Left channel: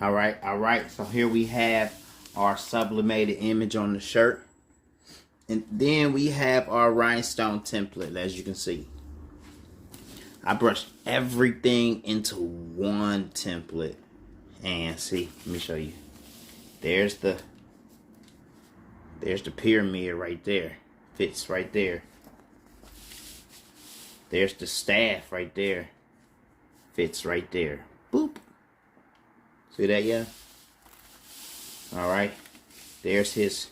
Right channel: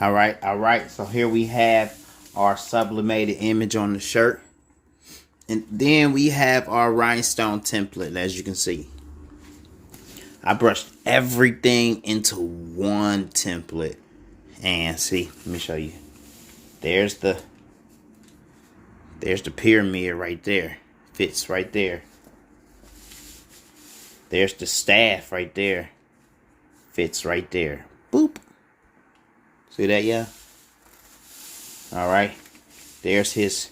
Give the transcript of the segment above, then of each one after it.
All right. So here we have our sublimated image on the shirt. And then we have our rhinestone template, as you can see. I brushed everything into one template. And see, let me show you. There's the pyramid right there. Fits right there. There's the staff right there. Fits right there. Boop. See that, yeah? All right. There's his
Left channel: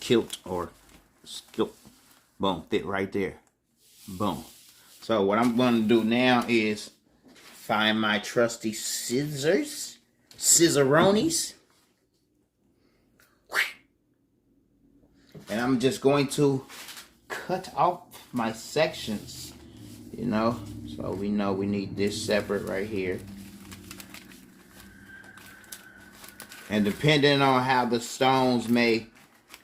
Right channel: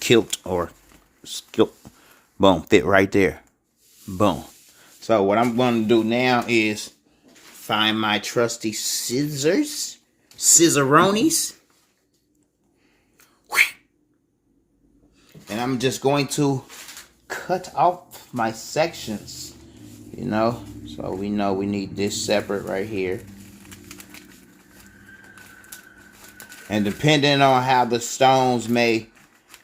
kilt or skilt. Boom. Fit right there. Boom. So what I'm going to do now is find my trusty scissors. Scissoronis. And I'm just going to cut off my sections. You know. So we know we need this separate right here. And depending on how the stones may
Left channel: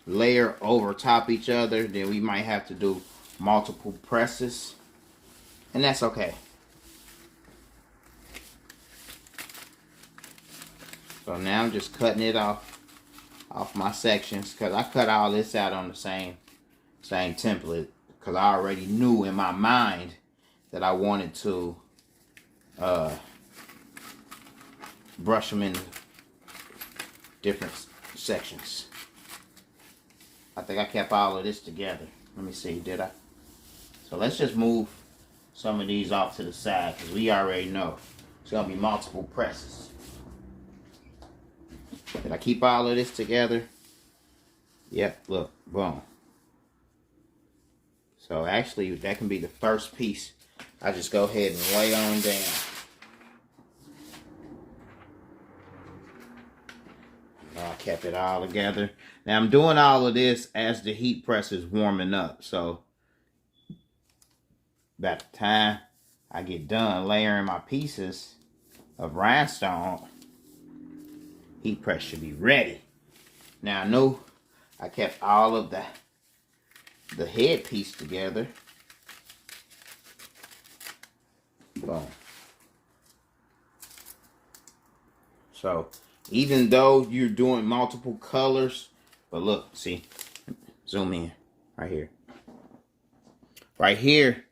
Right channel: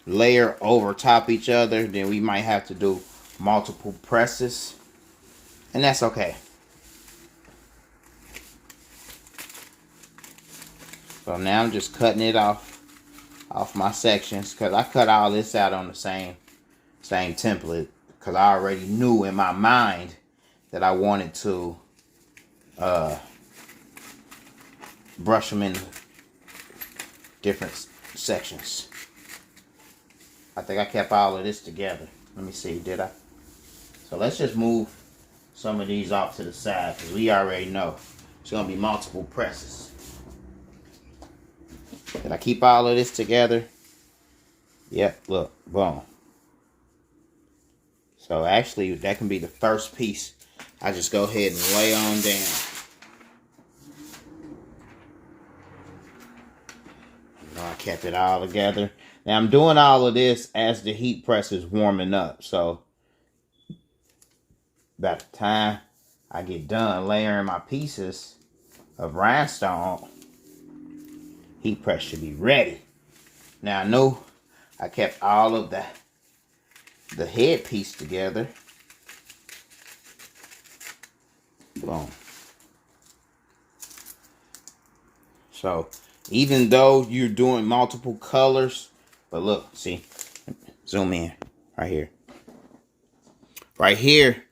layer over top each other, then we might have to do multiple presses. And that's okay. So now I'm just cutting it off my sections, because I cut all this out on the same template, because I already knew in my mind that I wanted to brush them in different sections. I think I kept all of this together. Let me see, did I? So let's just move some of these off to the side, because we already know it's going to be multiple presses. Did I keep all of this together? Yep, look, boom. So actually, that can be the first piece. I just go ahead and lay on down. I kept it all together. Now I'm doing all of this as the heat press is warming up. So by the time I get done layering my pieces of rhinestone, heat press should be ready. Now I know I kept all of the head piece together. Boom. So even though you're doing multiple colors, but look, see, zoom in right here. Right here,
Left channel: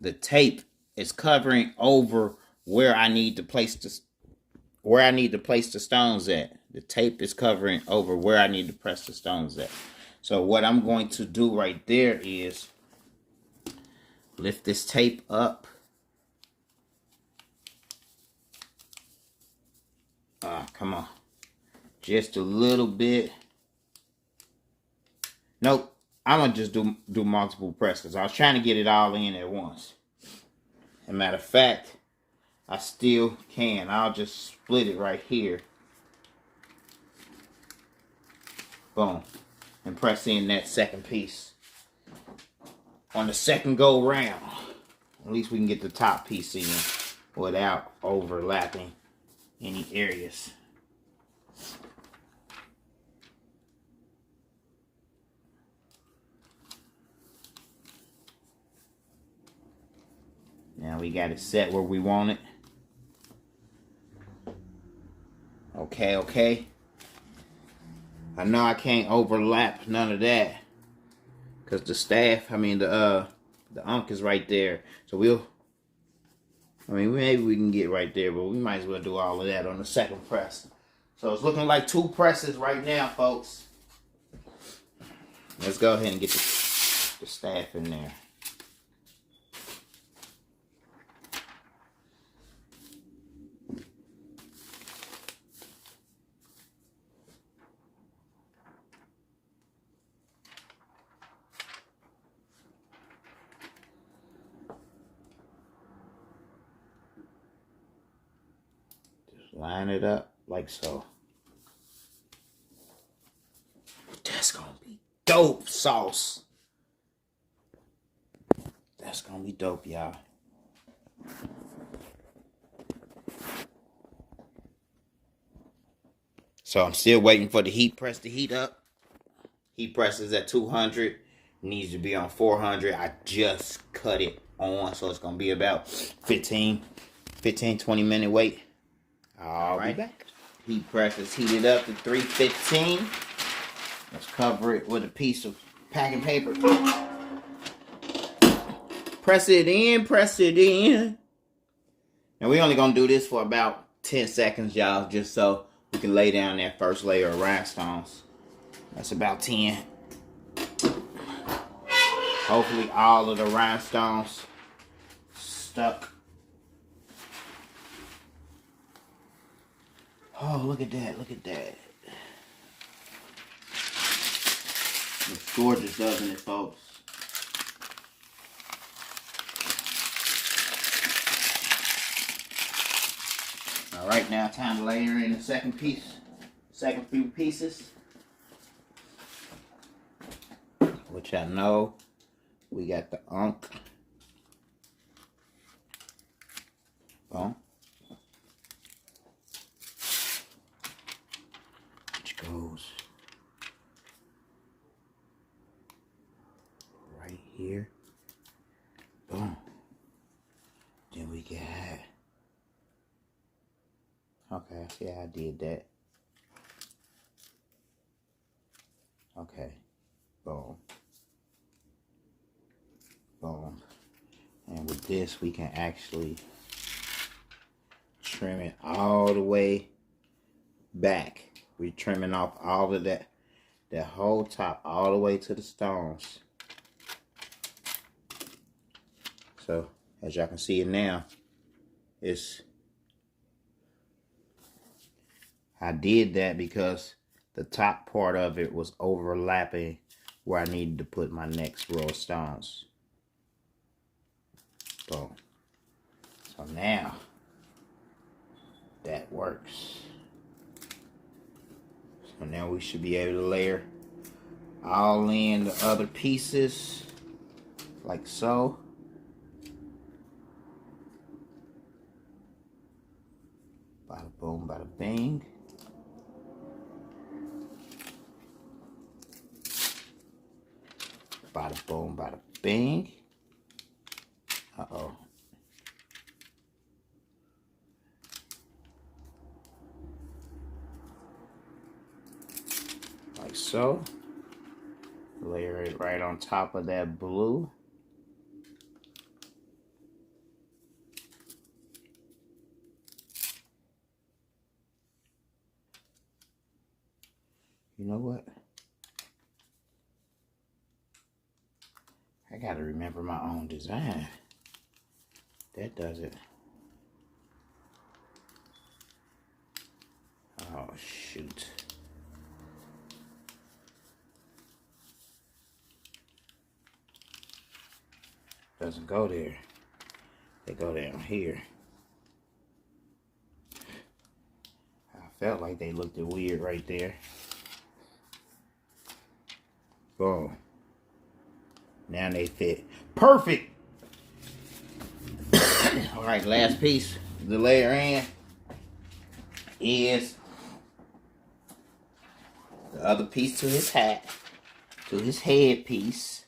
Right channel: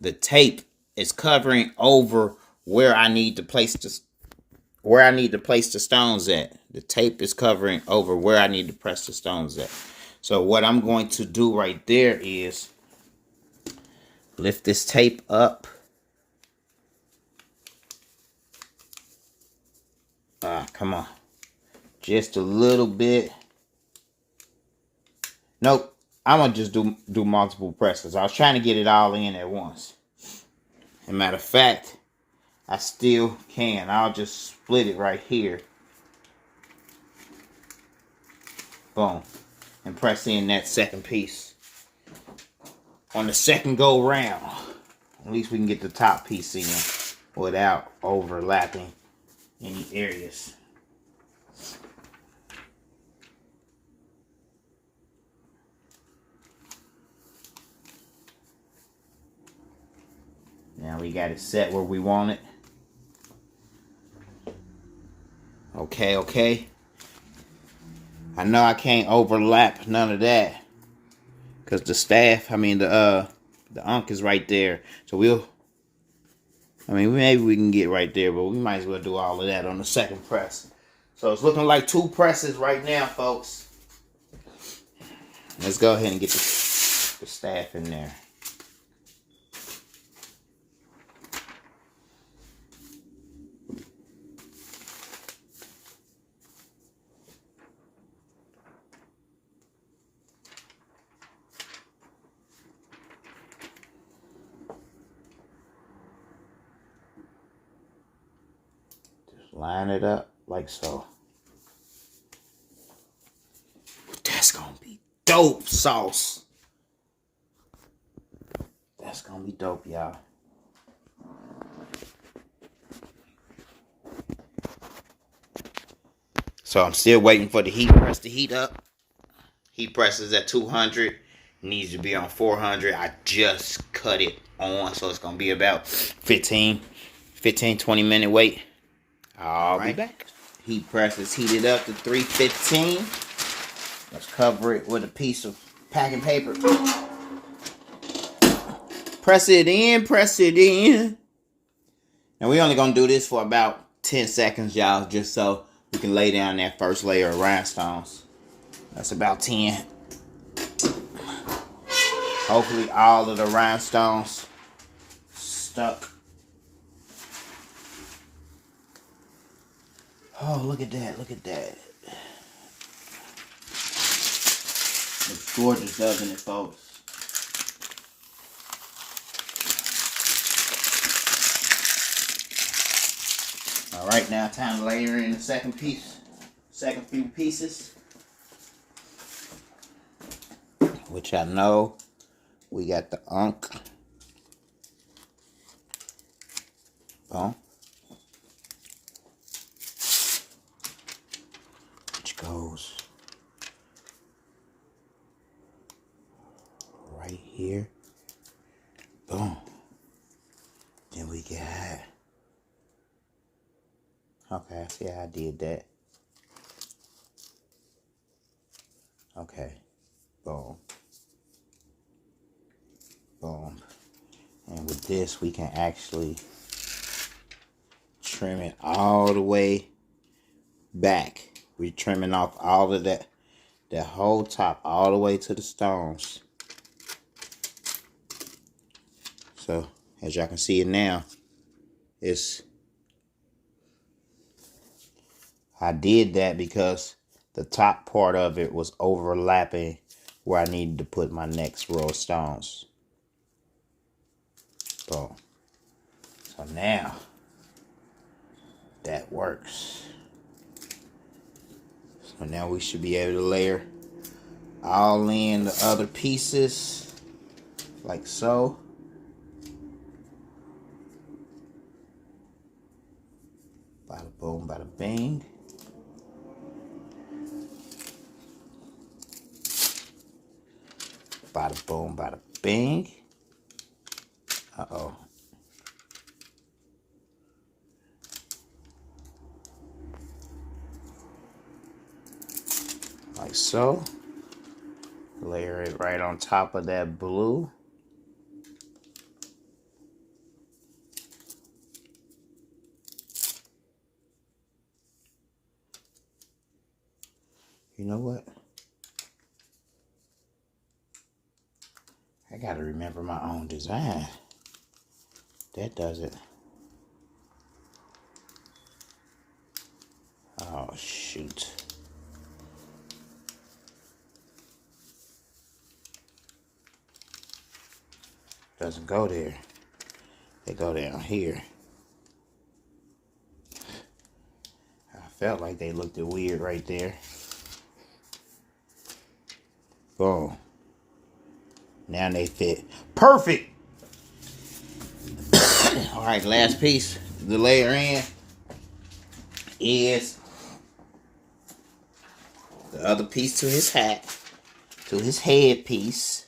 the tape is covering over where I need to place the stones at. The tape is covering over where I need to press the stones at. So what I'm going to do right there is lift this tape up. Come on. Just a little bit. Nope. I'm going to just do multiple presses. I was trying to get it all in at once. As a matter of fact, I still can. I'll just split it right here. Boom. And press in that second piece. On the second go round, at least we can get the top piece in without overlapping any areas. Now we got it set where we want it. Okay. I know I can't overlap none of that, because the staff, the unk is right there. So maybe we can get right there, but we might as well do all of that on the second press. So it's looking like 2 presses right now, folks. Let's go ahead and get the staff in there. Line it up like so. That's gonna be dope sauce. That's gonna be dope, y'all. So I'm still waiting for the heat press to heat up. Heat press is at 200. Needs to be on 400. I just cut it on, so it's gonna be about 15, 20 minute wait. I'll be back. Heat press is heated up to 315. Let's cover it with a piece of packing paper. Press it in, press it in. And we're only going to do this for about 10 seconds, y'all, just so we can lay down that first layer of rhinestones. That's about 10. Hopefully all of the rhinestones stuck. Oh, look at that, look at that. Looks gorgeous, doesn't it, folks? All right, now time to layer in the second piece, second few pieces. Which I know we got the unk. Oh. Which goes right here. Boom. Then we got, okay, yeah, I did that. Okay, boom. Boom. And with this, we can actually trim it all the way back. We're trimming off all of that whole top all the way to the stones. So, as y'all can see it now, I did that because the top part of it was overlapping where I needed to put my next row of stones. Boom. So now that works. So now we should be able to layer all in the other pieces like so. Bada boom, bada bing. Bada boom, bada bing. Uh-oh. Like so. Layer it right on top of that blue. You know what? I gotta remember my own design. That does it. Oh, shoot. Doesn't go there. They go down here. I felt like they looked weird right there. Boom. Now they fit. Perfect! Alright, last piece to layer in is the other piece to his hat, to his head piece.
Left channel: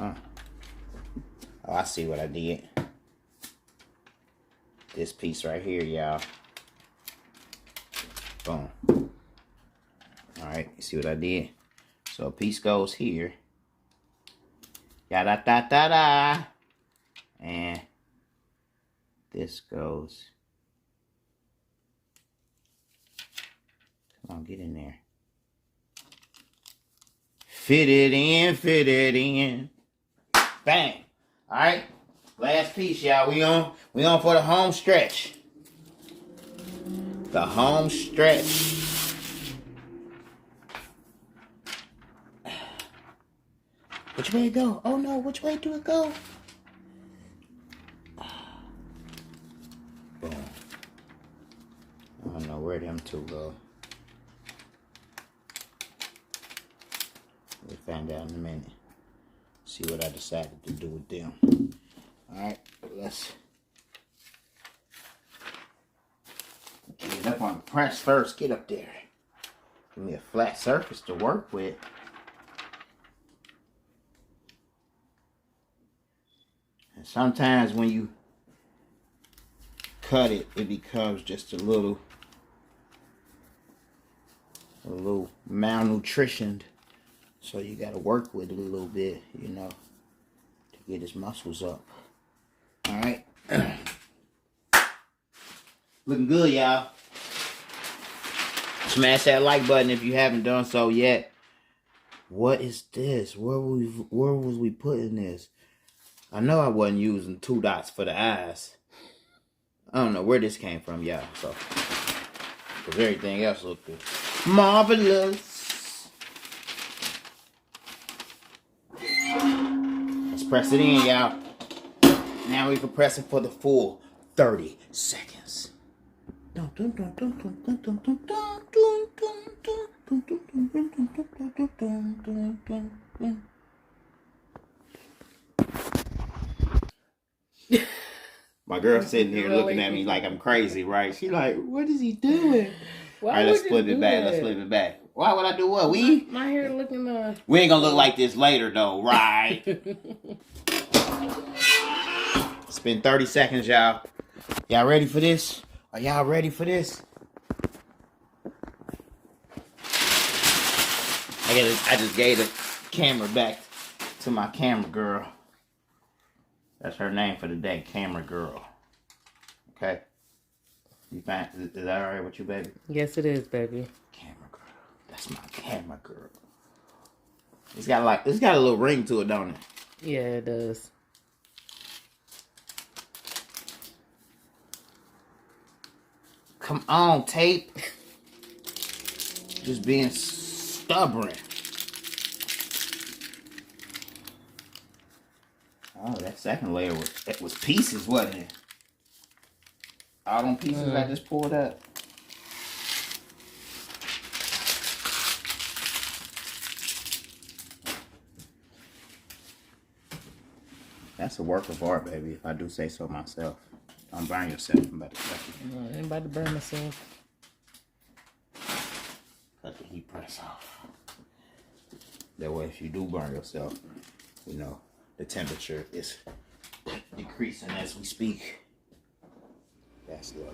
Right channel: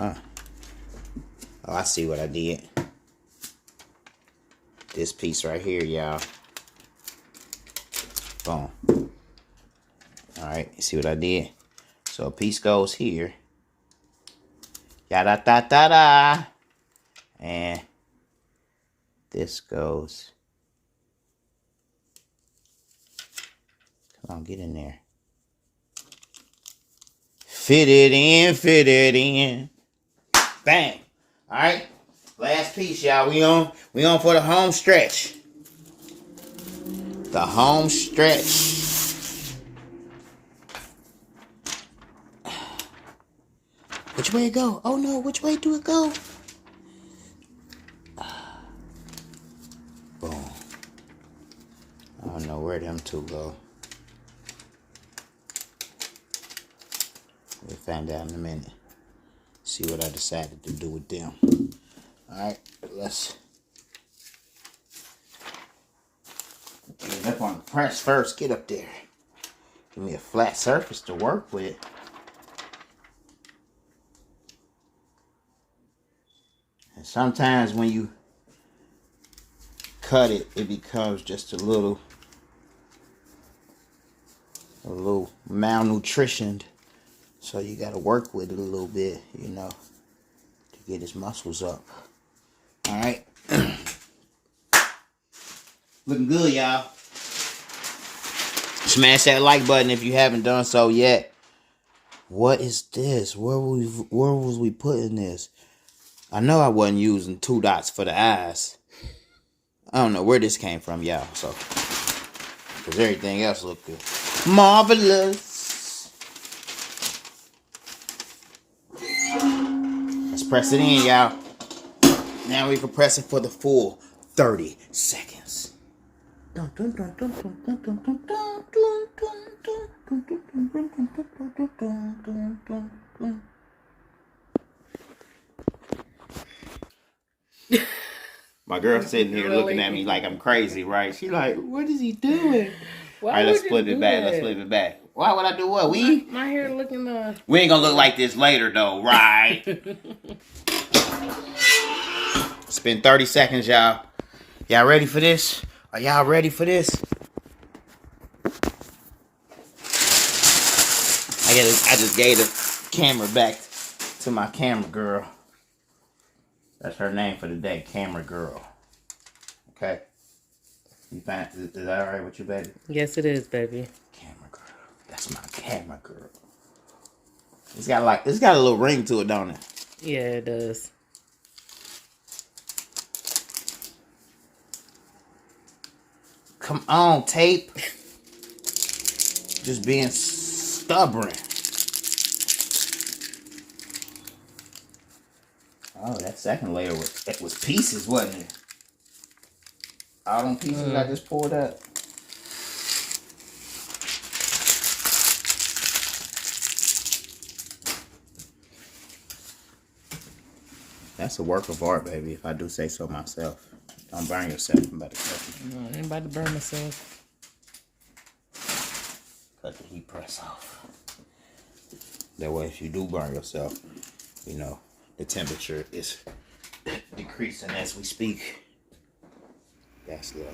Oh, I see what I did. This piece right here, y'all. Boom. Alright, you see what I did? So a piece goes here. Yada da da da. And this goes. Come on, get in there. Fit it in, fit it in. Bang. Alright. Last piece, y'all. We on for the home stretch. The home stretch. Which way it go? Oh no, which way do it go? Boom. I don't know where them two go. We'll find out in a minute. See what I decided to do with them. Alright, let's get it up on the press first. Get up there. Give me a flat surface to work with. sometimes when you cut it, it becomes just a little malnutritioned. So you got to work with it a little bit, you know, to get his muscles up. All right. Looking good, y'all. Smash that like button if you haven't done so yet. What is this? Where was we putting this? I know I wasn't using 2 dots for the eyes. I don't know where this came from, y'all. So, because everything else looked good. Marvelous. Let's press it in, y'all. Now we can press it for the full 30 seconds. My girl's sitting here looking at me like I'm crazy, right? She like, what is he doing? All right, let's flip it back. Let's flip it back. Why would I do what? My hair looking We ain't gonna look like this later though, right? It's been 30 seconds, y'all. Y'all ready for this? Are y'all ready for this? I just gave the camera back to my camera girl. That's her name for the day, camera girl. Okay? You find, is that all right with you, baby? Yes, it is, baby. Camera girl. That's my camera girl. It's got a little ring to it, don't it? Yeah, it does. Come on, tape. Just being stubborn. Oh, that second layer was pieces, wasn't it? All them pieces I just pulled up. That's a work of art, baby, if I do say so myself. Don't burn yourself. I'm about to cut it. No, I ain't about to burn myself. Cut the heat press off. That way, if you do burn yourself, you know, the temperature is decreasing as we speak. That's love.